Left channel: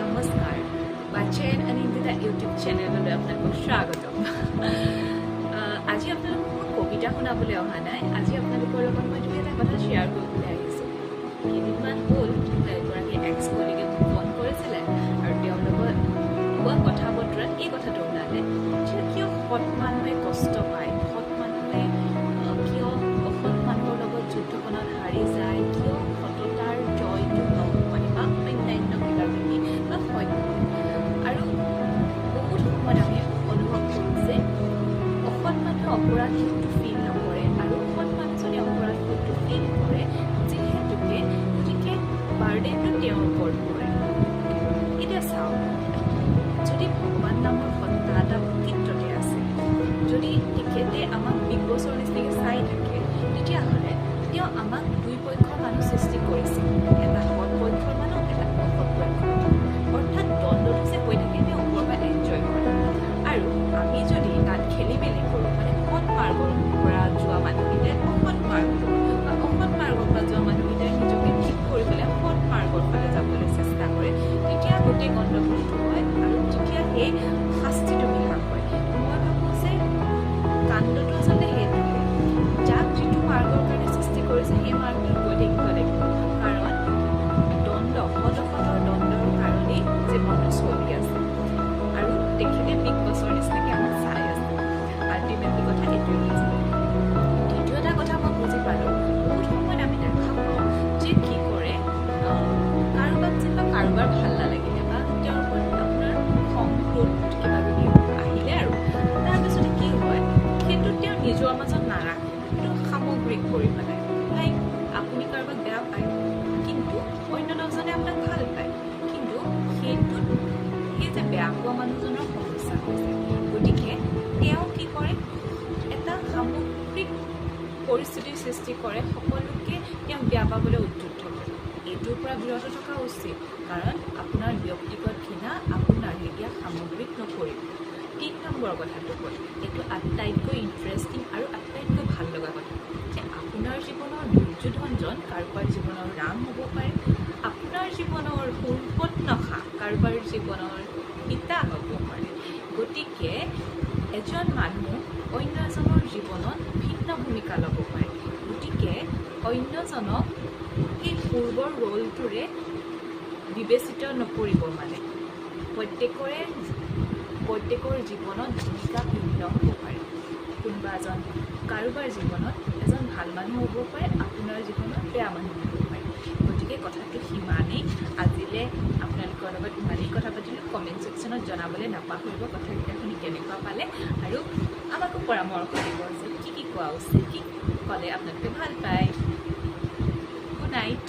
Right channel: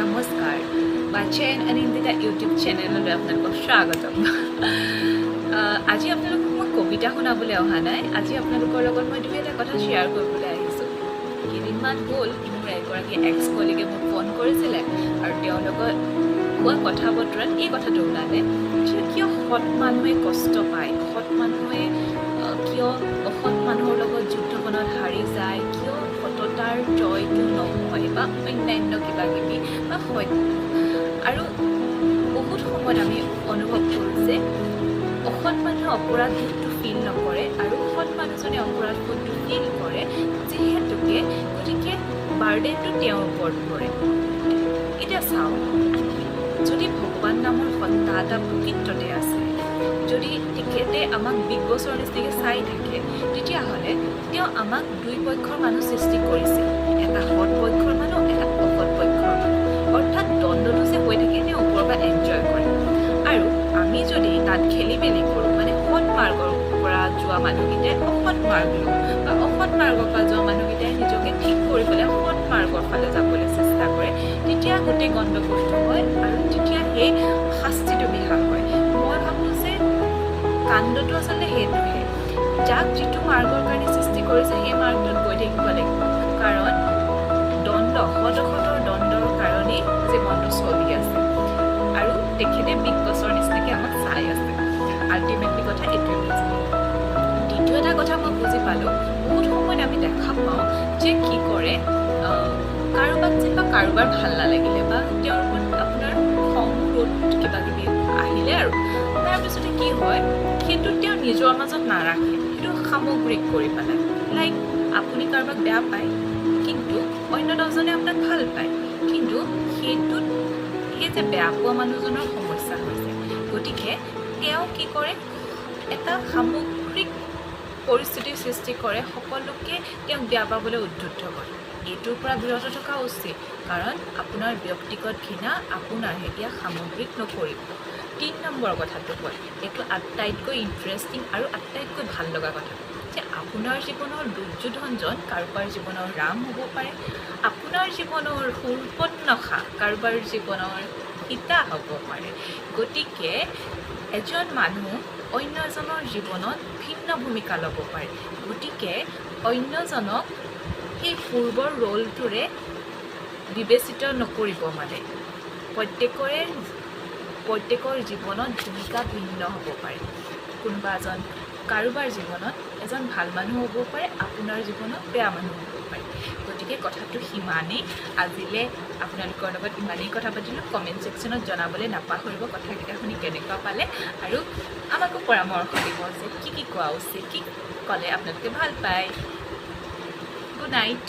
নমস্কাৰ। বাচ্চেন অনিন্দিতা ইউটিউব চেনেললৈ আপোনালোকক স্বাগতম। আজি আপোনালোকক মই কবিতা শুনাবলৈ অহা নাই। আজি আপোনালোকৰ লগত মই দুই এটা কথা শ্বেয়াৰ কৰিবলৈ আহিছোঁ। কেইদিনমান হ'ল মোৰ এগৰাকী এক্স কলিগে মোক ফোন কৰিছিলে আৰু তেওঁৰ লগত হোৱা কথা বতৰাত এই কথাটো ওলালে যে কিয় সৎ মানুহে কষ্ট পায় সৎ মানুহে কিয় অসৎ মানুহৰ লগত যুদ্ধখনত হাৰি যায় কিয় সততাৰ জয়টো নহয় বা অন্যান্য কিবা কিবি সত্য আৰু বহুত সময়ত আমি অনুভৱ কৰোঁ যে অসৎ মানুহে অপৰাধবোধটো ফিল নকৰে আৰু সৎ মানুহজনে অপৰাধবোধটো ফিল কৰে যিহেতুকে গতিকে বাৰ্ডেনটো তেওঁৰ ওপৰত পৰে। এতিয়া চাওক যদি ভগৱান নামৰ সত্তা এটা প্ৰকৃততে আছে যদি তেখেতে আমাক বিগ বছৰ নিচিনাকৈ চাই থাকে তেতিয়াহ'লে তেওঁ আমাক দুই পক্ষৰ মানুহ সৃষ্টি কৰিছে এটা সৎ পক্ষৰ মানুহ এটা অসৎ পক্ষৰ মানুহ। পৰা এনজয় কৰে। আৰু আমি যদি তাত খেলি মেলি কৰোঁ মানে সৎ মাৰ্গৰ পৰা যোৱা মানুহকেইটাই অসৎ মাৰ্গ লওঁ বা অসৎ মাৰ্গৰ পৰা যোৱা মানুহকেইটাই নিজকে ঠিক কৰি পেলাই সৎ মাৰ্গৰ ফালে যাবলৈ চেষ্টা কৰে তেতিয়া গোটেই গণ্ডগোলটো হয় আৰু তেতিয়া সেই শাস্তিটো বিহা হয়। মই ভাবোঁ যে কাণ্ডটো আচলতে সেইটোহে। যাক যিটো মাৰ্গৰ কাৰণে সৃষ্টি কৰিছে সেই মাৰ্গটোত গৈ থাকিব লাগিব। কাৰণ দণ্ড সদ অসতৰ দণ্ডৰ কাৰণেই জীৱনটো চলি আছে। তেখেতে বিগ বছৰ নিচিনাকৈ আমাক চাই আছে। আল্টিমেটলি কথা এইটোৱে বুজি দ্বিতীয় এটা কথা মই বুজি পালোঁ বহুত সময়ত আমি দেখা পাওঁ যে কি কৰে কাৰোবাক যেনিবা কাৰোবাৰ ভাল নালাগিলে বা তেওঁৰ ওপৰত আপোনাৰ খং ক্ৰোধ কিবা কিবি আহিলে আৰু। তাৰপিছতে কি হয় সেইটো তেওঁ নিজৰ মাজত নাৰাখে সেইটো সামগ্ৰিক কৰি পেলায় লাইক আপুনি কাৰোবাক বেয়া পায় কিন্তু অন্য দহজনে আপোনাক ভাল পায় কিন্তু সেইটোত সেই যে বেয়া পোৱা মানুহজনৰ সমস্যা হৈছে। গতিকে তেওঁ কি কৰে, এটা সামগ্ৰিক পৰিস্থিতিৰ সৃষ্টি কৰে, সকলোকে তেওঁক বেয়া পাবলৈ উদ্বুদ্ধ কৰে। এইটোৰ পৰা বিৰত থকা উচিত, কাৰণ আপোনাৰ ব্যক্তিগত ঘৃণা আপোনাৰহে এতিয়া সামগ্ৰিক নকৰিব। তিনি নম্বৰ কথাটো হ'ল এইটো আটাইতকৈ ইণ্টাৰেষ্টিং আৰু আটাইতকৈ ভাল লগা কথা। যে আপোনাৰ জীৱনৰ দুৰ্যোধনজন কাৰোবাৰ জীৱনৰ ৰাম হ'ব পাৰে। আপোনাৰ জীৱনৰ সুৰপত্নখা কাৰোবাৰ জীৱনৰ সীতা হ'ব পাৰে। গতিকে এজন মানুহ অন্য এজনৰ জীৱনত ভিন্ন ভূমিকা ল'ব পাৰে। গতিকে অন্যজনক সেই পূৰ্বৰ ৰ'লটোৰে বিবেচিত নকৰিব মানে। প্ৰত্যেকৰে প্ৰত্যেকৰ জীৱনত ভূমিকা ভিন্ন হ'ব পাৰে। কোনোবা এজন কাৰোবাৰ জীৱনত এজন ভাল মানুহ হ'ব পাৰে আপোনাৰ জীৱনত বেয়া মানুহ হ'ব পাৰে। গতিকে কথাটো সিমানেই। আজিলৈ আপোনালোকৰ লগত ইমানেই কথা পাতিলোঁ। কমেণ্ট ছেকশ্যনত জনাবলৈ নাপাহৰিব। কথাকেইটা শুনি কেনেকুৱা পালে আৰু আমাকো পৰামৰ্শ দিব যে কি কি কোৱা উচিত কি ক'লে আপোনালোকে ভাল পায়। Good night.